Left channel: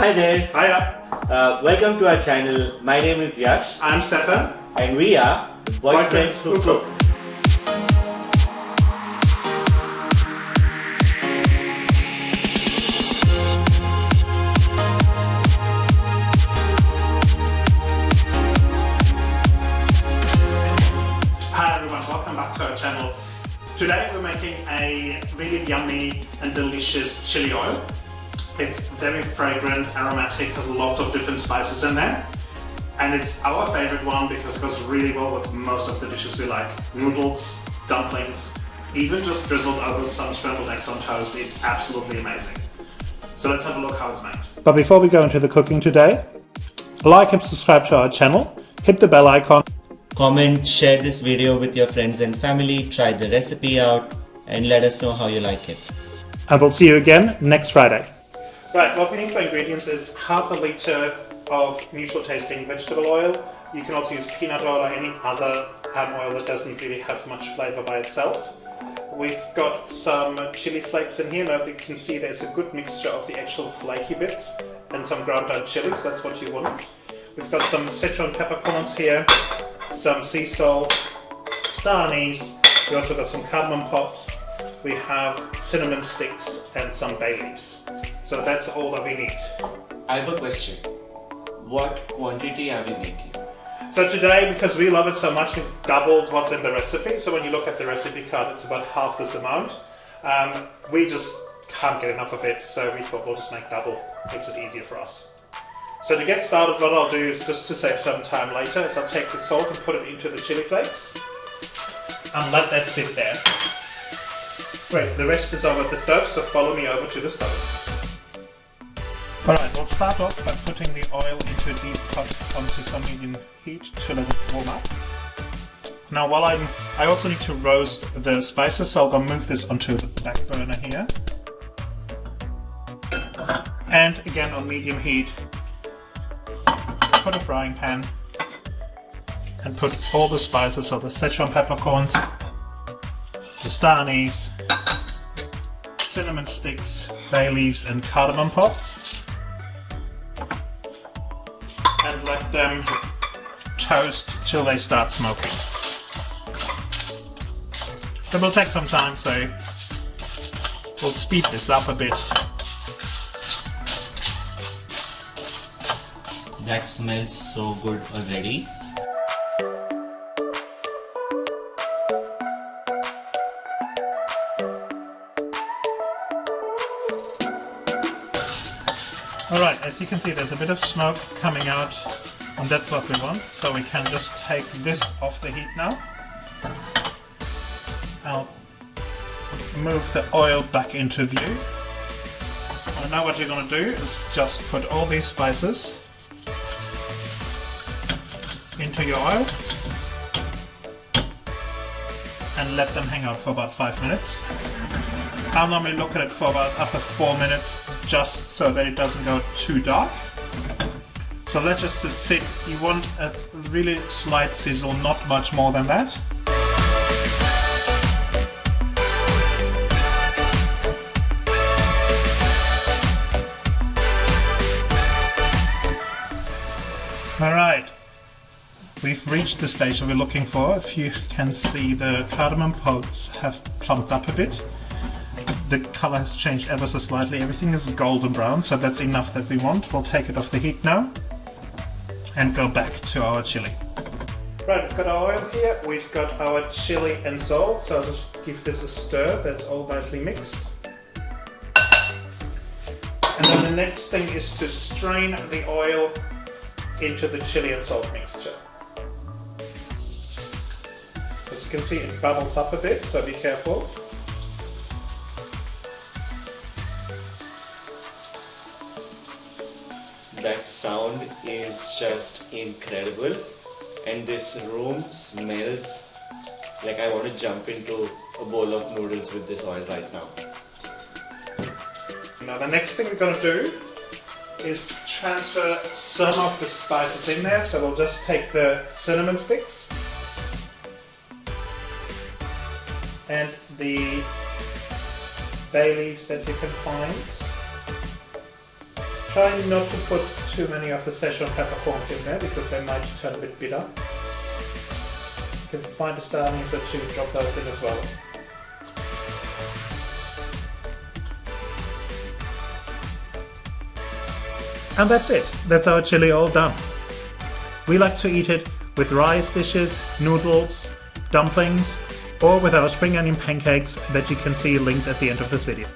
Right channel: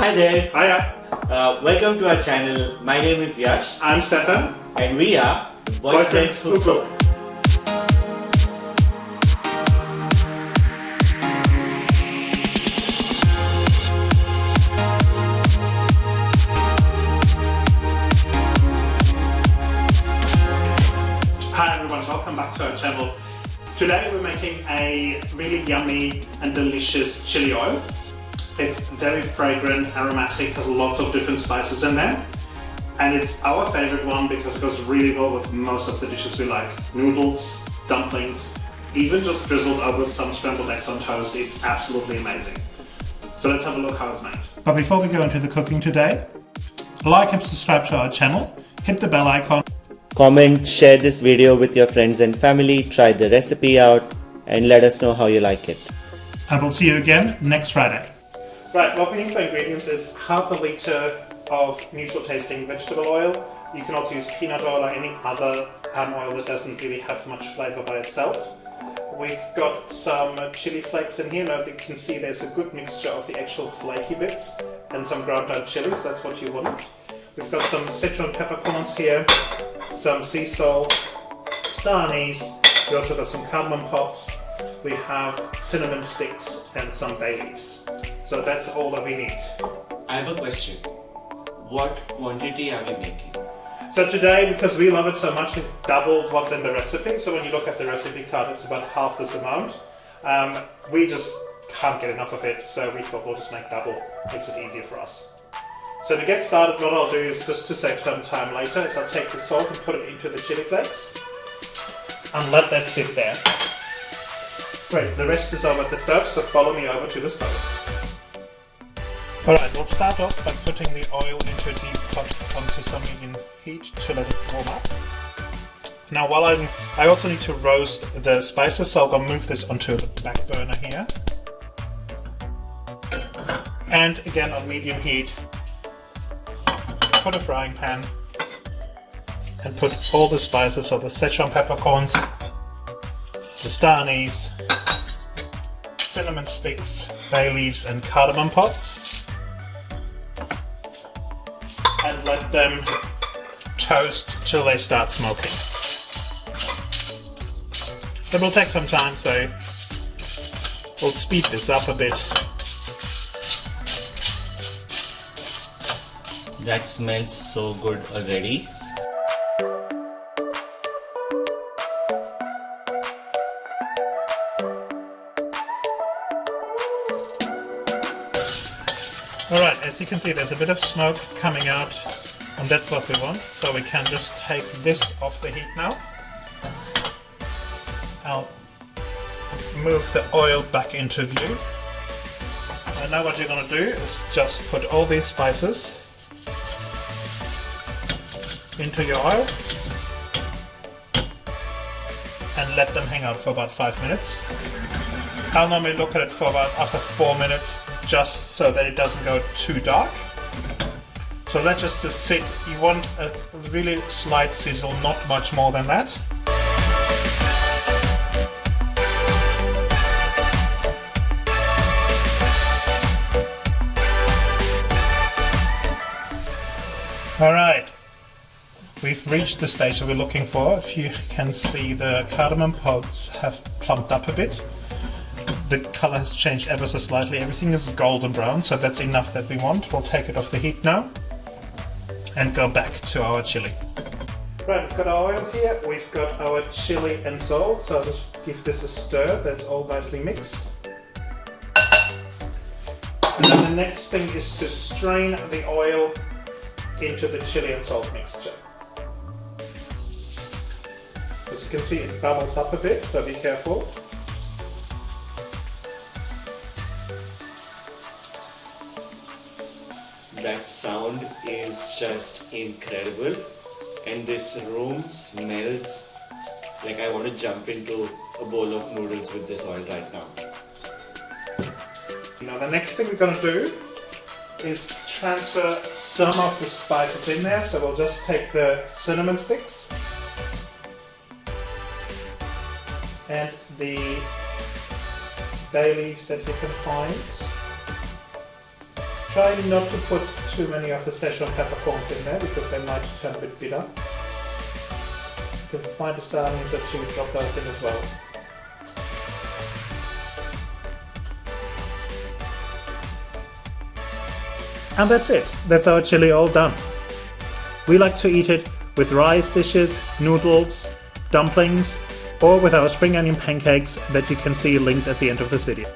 Hi there. Hiya. Welcome to our channel. My name is Yash. I'm Stefan. And we are Boyfriends Who Cook. Hi everyone, welcome back to our channel. Today we're making a really yummy and delicious chili oil. It's very fragrant, aromatic, has lots of different spices in there. And it's our favorite one because it goes really well with most of the dishes we like. Noodles, dumplings, even just drizzled over some scrambled eggs on toast. It's absolutely amazing. So let's have a look how it's made. But before we go into the cooking today, like and subscribe to our channel, hit the bell icon. Comment, share this video with your friends and family, try the recipe out, and let us know how you like it. And we'll see you again next Friday. Right, what we need for ingredients is half a litre of neutral tasting vegetable oil. You can also use peanut oil or any other palm oil that doesn't really have much flavour by itself. We've got some chili flakes in here. Now you can see there's a good mixture of the actual flaky bits and some ground out chili, so that's what you want. We've got some Sichuan peppercorns here, some sea salt, star anise. We also got some cardamom pops. We have cinnamon sticks and some bay leaves. So that's all that we need. I have a question. What quantity are we making? So today, because we love it so much, we've doubled what's in the recipe. So when you look at the recipe card, it's about half this amount. We just can't get enough of it, so we thought we'll just make double. Makes it easier for us. So to get started, what I'll do is, just to save some time later, is I'll take the salt and put it into the chili flakes and let that sit there. Great, the rest is over at the stove, so follow me over to the stove. Alright, we'll start off by putting the oil into a deep pot onto some medium heat to let it warm up. Now while I also need to roast the spices, so I'll go move this onto the back burner here. And again on medium heat, put a frying pan and put all the spices, so the Sichuan peppercorns, the star anise, cinnamon sticks, bay leaves and cardamom pods, and let them toast till they start smoking. It will take some time, so we'll speed this up a bit. That smells so good already. Alright, as you can see there's a bit of smoke coming out, and that's what we want, so we can just take this off the heat now. I'll move the oil back into view. And now what you're going to do is just put all these spices into your oil and let them hang out for about 5 minutes. I'll normally look at it for about after 4 minutes, just so that it doesn't go too dark. So let's just sit. You want a really slight sizzle, not much more than that. Alright, we've reached the stage that we're looking for. If you can see, the cardamom pods have plumped up a bit. The color has changed ever so slightly. Everything is golden brown, so that's enough that we want. We'll take it off the heat now and go back to our chili. Right, we've got our oil here, we've got our chili and salt, so just give this a stir. That's all nicely mixed. And then the next thing is to strain the oil into the chili and salt mixture. As you can see, it bubbles up a bit, so be careful. That sound is just incredible, and this room smells like I want to jump into a bowl of noodles with this oil right now. Now the next thing we're going to do is transfer some of the spices in there, so we'll just take the cinnamon sticks and the bay leaves that you can find. Try not to put too many of the Sichuan peppercorns in there because they might turn a bit bitter. You can find a star anise or two, drop those in as well. And that's it. That's our chili all done. We like to eat it with rice dishes, noodles, dumplings, or with our spring onion pancakes that you can see linked at the end of this video.